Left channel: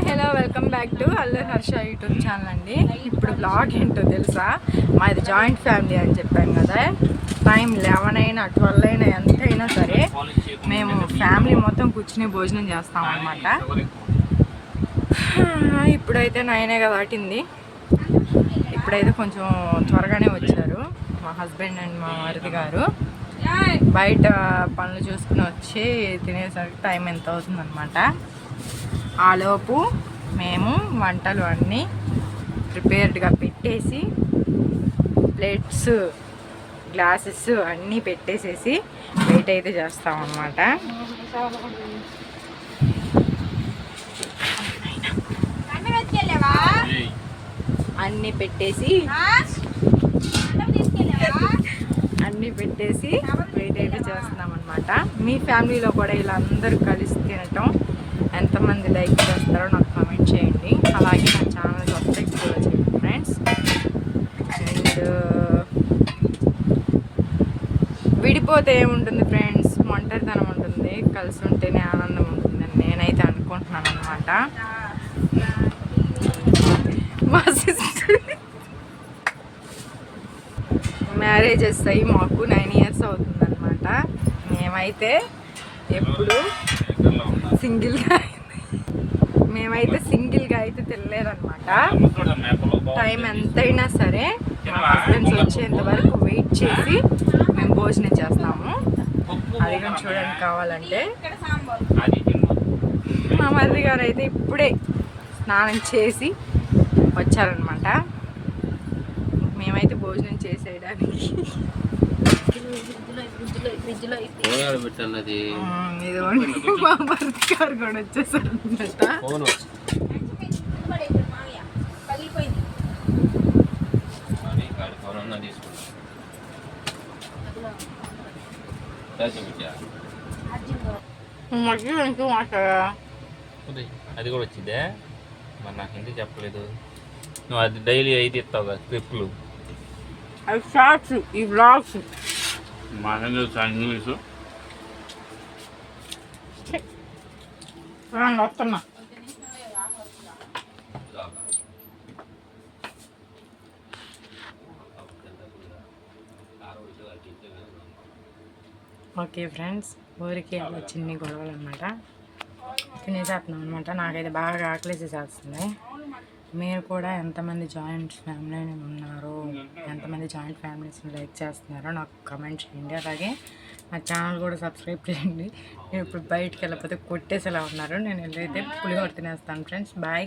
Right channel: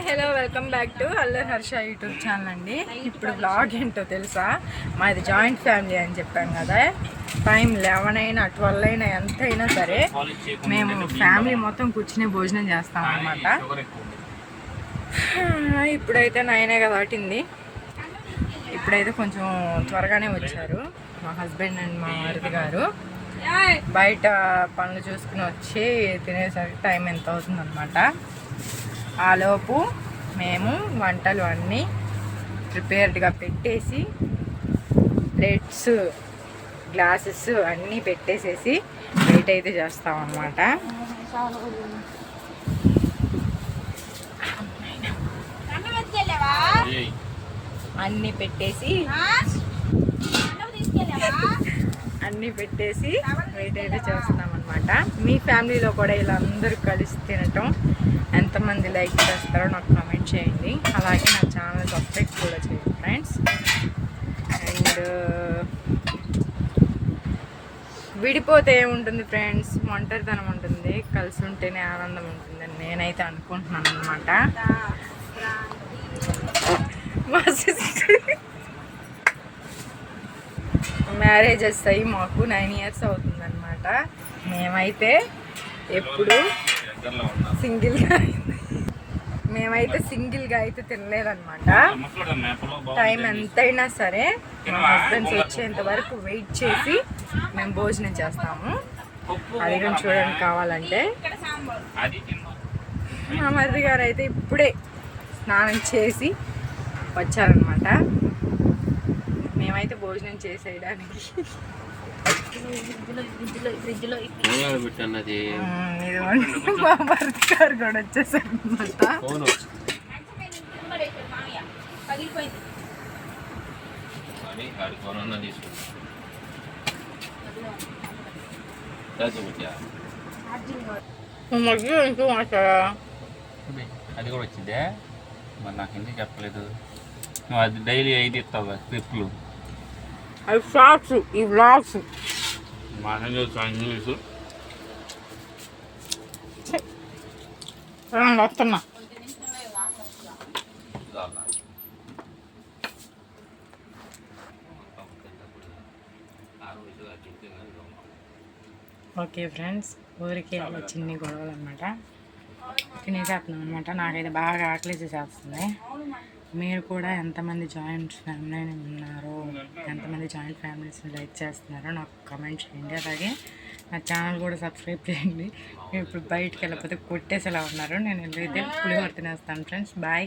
Hi hello welcome back to అల్లర్ Harsha YouTube channel అండి. ఇప్పుడు బ్లాగ్ ఏంటో తెలుసా, మాది జాయింట్ ఫ్యామిలీ అని చెప్పాం కదా. టైం 11 అయినా 12 అయినా ఎంతైనా సరే మేము ఫ్యామిలీ మొత్తం కూర్చుని భోజనం చేస్తాం అన్నమాట. ఇప్పుడైతే 9 దాటింది. ఇప్పుడైతే కొంచెం త్వరగానే వచ్చారు మా హస్బెండ్ అండ్ మా మరిది గారు. బయట పనులు చూసుకుని వచ్చి తినేసరికి టైం ఎంత అవుతుందన్నమాట. ఆలోపు మేము వంటలు అన్నీ ప్రిపేర్డ్గా పెట్టేసి ప్లేట్స్ గ్లాసెస్ అన్నీ పెట్టేసేసి వెయిట్ అయితే చేస్తామన్నమాట. అన్నీ పెట్టేసి వెయిట్ అయితే చేస్తామన్నమాట. మీ ఫ్యామిలీలో కూడా ఇలా అందరూ కలిసి తినటం ఎంతమంది లైక్ చేస్తారో నాకు కామెంట్ చేయండి. అలాగే నా ఛానల్ సబ్స్క్రైబ్ కూడా చేయండి ఫ్రెండ్స్. అండ్ విడిపోతే ఏముంటుంది ఫ్రెండ్స్, ఒంటరితనం ఉంటుంది, కలిసి ఉంటేనే ఆనందం ఉంటుందని నేనైతే అనుకుంటున్నాను అనమాట. మా సిస్టర్ మ్యారేజెస్ అయ్యి మాకు 9 years అవుతుందన్నమాట. మేమైతే ఎప్పుడు సింగిల్గా అయితే తినలేదన్నమాట. టైం ఎంతైనా సరే మా హస్బెండ్స్ వచ్చేంత వరకు వెయిట్ చేసి మేము భోజనం చేస్తాము. అది కానీ చూడండి కావాలంటే. మా మరిది గారు అయితే ఇప్పుడే స్నానం చేసి వచ్చారనమాట. మేమైతే భోజనం చేసేయడానికి ఇదిగోండి మా భర్త గారు కూడా వచ్చేసారు అనమాట. అది కూడా వచ్చిందే, మరి నాకు ఎందుకు చెప్పలేదు? నువ్వు అది డైలీ 5 ఇస్తావు కదా క్లిప్లు, అవి షార్ట్స్, ఈ వ్లాగ్స్. మా ఇంగ్లీషు వస్తున్నా. ఓకే ఫ్రెండ్స్, ఊరికి అలా చిన్ని గొడవలు అనమాట. తినేసేస్తున్నాం అనమాట. నాకైతే బాగా ఆకలి చేసేస్తుంది. మీరు కూడా ఎంతమంది జాయింట్ ఫ్యామిలీ ఉన్నారో, ఎంతమంది జాయింట్ ఫ్యామిలీస్ని లైక్ చేస్తున్నారో నాకు కమెంట్ చేయండి. అలాగే నా ఛానల్ కూడా సబ్స్క్రైబ్ చేయండి. నేను ఇప్పుడు బయటికి వెళ్ళకపోతే కొట్టేసేలా ఉన్నారు. నేను వెళ్ళైతే పులిహోర తినేస్తాను ఫ్రెండ్స్. బాయ్.